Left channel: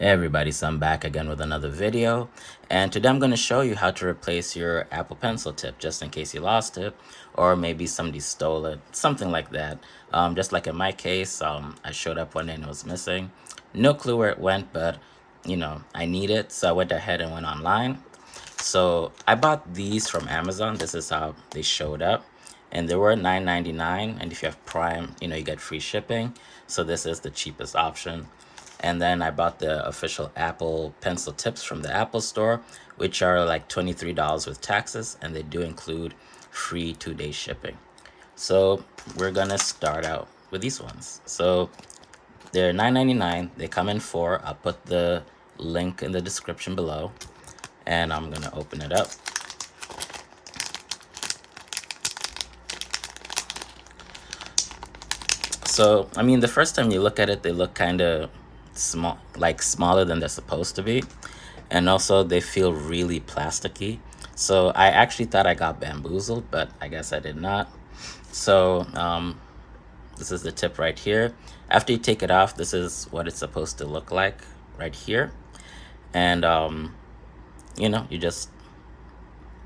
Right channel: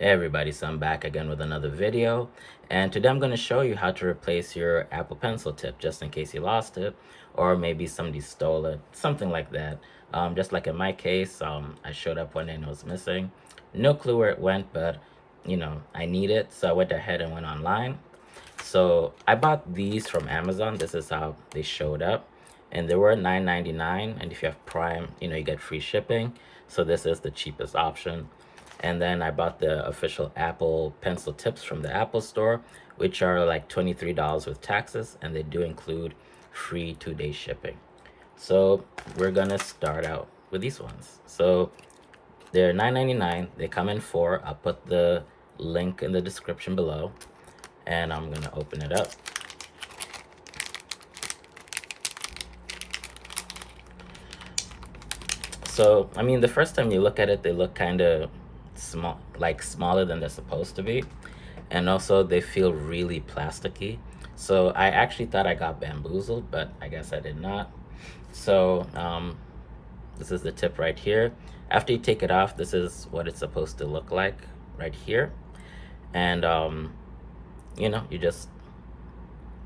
Hey everybody, so I'm back again with another video, and today I'm going to show you how to replace your Apple Pencil tip just in case you lost it, or maybe somebody stole it, something like that. Just like in my case, I showed up one day and it was missing. No clue where it went, but I need it, so I went ahead and went online. So I bought these from Amazon. This is how they showed up, and they were $9.99, and if you have Prime, you get free shipping. So this is the cheapest option. And then I bought the official Apple Pencil tips from the Apple Store, which are like $23 with taxes, and they do include free 2-day shipping. So we're gonna start out with these ones. So they're $9.99. They come in four. I'll put the link in the description below, and I'm gonna open it up. So, I mean, the first time you look at it, they look kind of small, like smaller than they're supposed to be. And also they feel really plasticky. So I actually thought I got bamboozled, but I guess I did not. So this is the tip right here. After you take it off, this is what it's supposed to look like right here. And, you just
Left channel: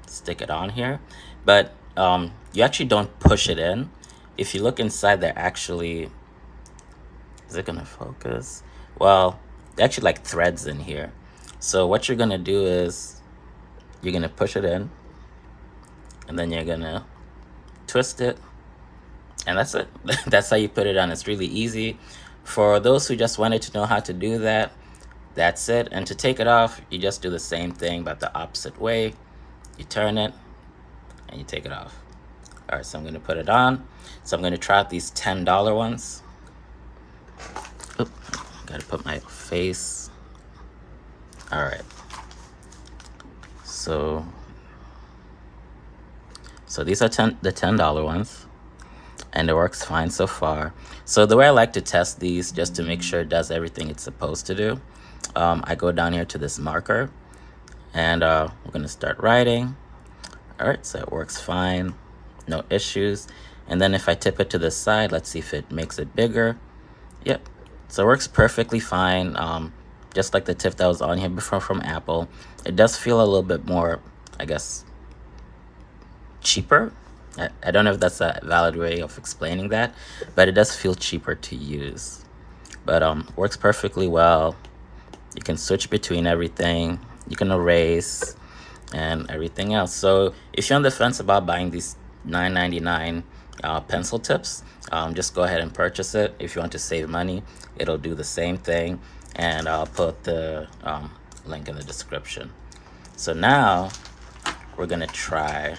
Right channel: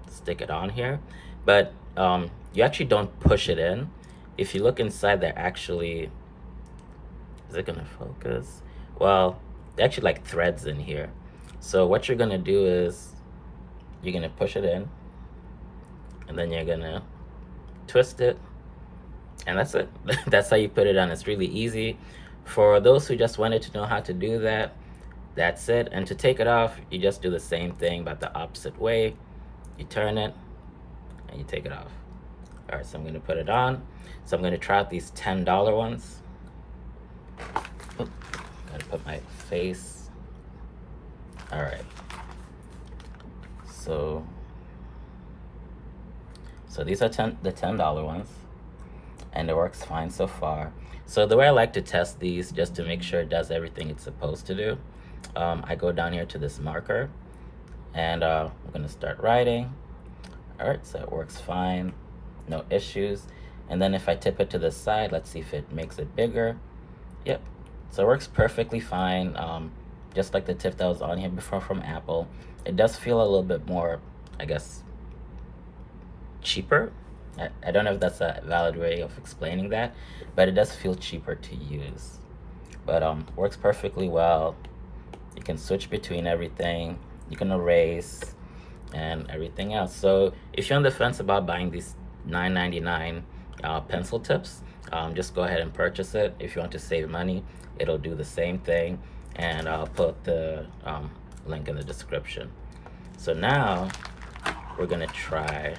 stick it on here. But you actually don't push it in. If you look inside, they're actually, is it gonna focus? Well, they're actually like threads in here. So what you're gonna do is you're gonna push it in, and then you're gonna twist it, and that's it. That's how you put it on. It's really easy. For those who just wanted to know how to do that, that's it. And to take it off, you just do the same thing but the opposite way. You turn it and you take it off. All right, so I'm gonna put it on. So I'm gonna try out these $10 ones. Oop, gotta put my face. All right. So these are the $10 ones, and it works fine so far. So the way I like to test these, just to make sure it does everything it's supposed to do, I go down here to this marker, and we're gonna start writing. All right, so it works fine, no issues. And then if I tip it to the side, let's see if it makes it bigger. Yep, so it works perfectly fine. Just like the tip that was on here before from Apple. It does feel a little bit more, I guess, cheaper. I don't know if that's a valid way of explaining that, but it does feel cheaper to use. But works perfectly well. You can switch between everything. You can erase and everything else. So if you're on the fence about buying these $9.99 pencil tips, just go ahead and purchase it. If you want to save money, it'll do the same thing, and I'll put the link in the description. So now we're gonna try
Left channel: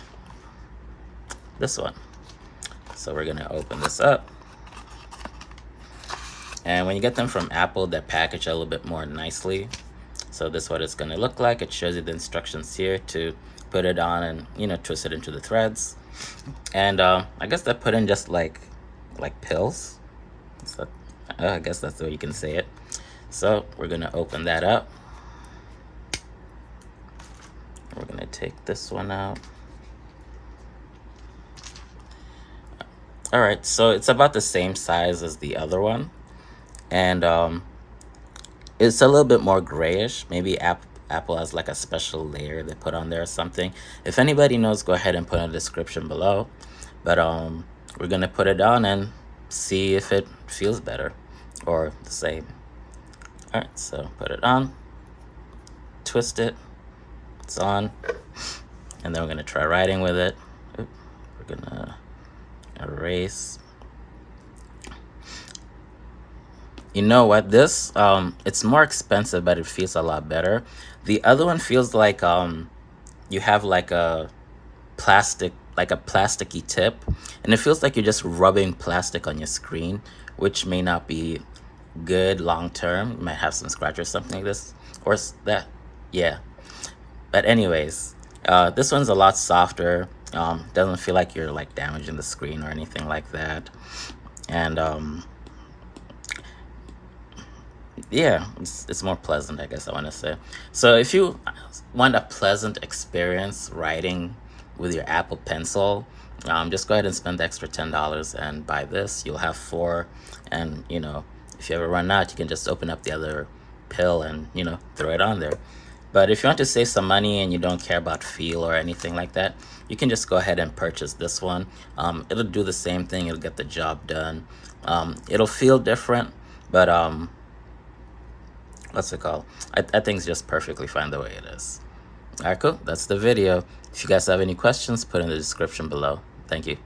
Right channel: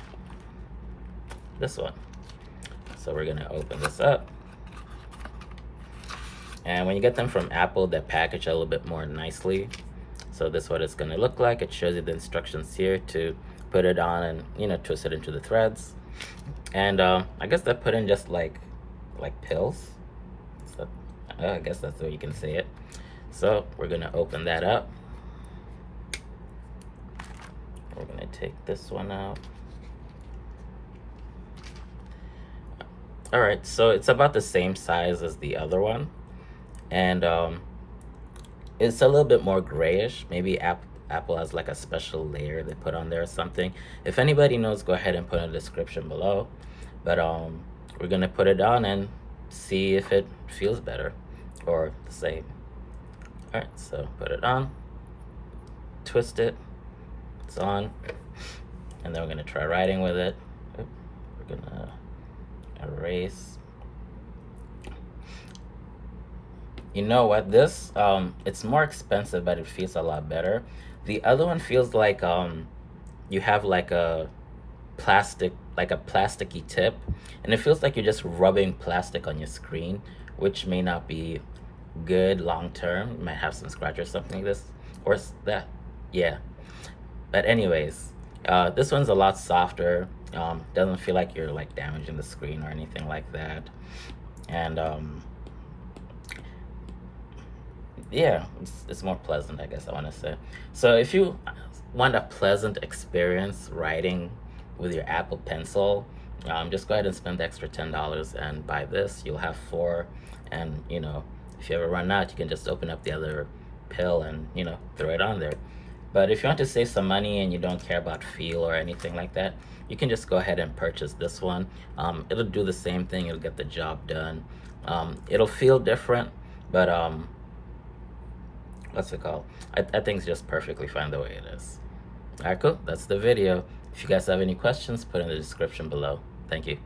this one. So we're gonna open this up, and when you get them from Apple, they're packaged a little bit more nicely. So this is what it's gonna look like. It shows you the instructions here to put it on and twist it into the threads. And I guess they're put in just like pills. So I guess that's the way you can say it. So we're gonna open that up. We're gonna take this one out. All right, so it's about the same size as the other one, and it's a little bit more grayish. Maybe Apple has like a special layer they put on there or something. If anybody knows, go ahead and put in the description below. But we're gonna put it on and see if it feels better or the same. All right, so put it on, twist it, it's on, and then we're gonna try writing with it. Oop, we're gonna erase. You know what, this it's more expensive, but it feels a lot better. The other one feels like you have like a plasticky tip, and it feels like you're just rubbing plastic on your screen, which may not be good long term. You might have some scratch or something like this or that. Yeah, but anyways, this one's a lot softer. Doesn't feel like you're like damaging the screen or anything like that. And yeah, it's more pleasant, I guess I want to say. So if you want a pleasant experience writing with your Apple Pencil, just go ahead and spend the extra $10 and buy this. You'll have four, and if you ever run out, you can just open up the other pill and, throw it on there. But if you want to save some money and you don't care about feel or anything like that, you can just go ahead and purchase this one. It'll do the same thing. It'll get the job done. It'll feel different, but what's it called? I think it's just perfectly fine the way it is. All right, cool. That's the video. If you guys have any questions, put in the description below. Thank you.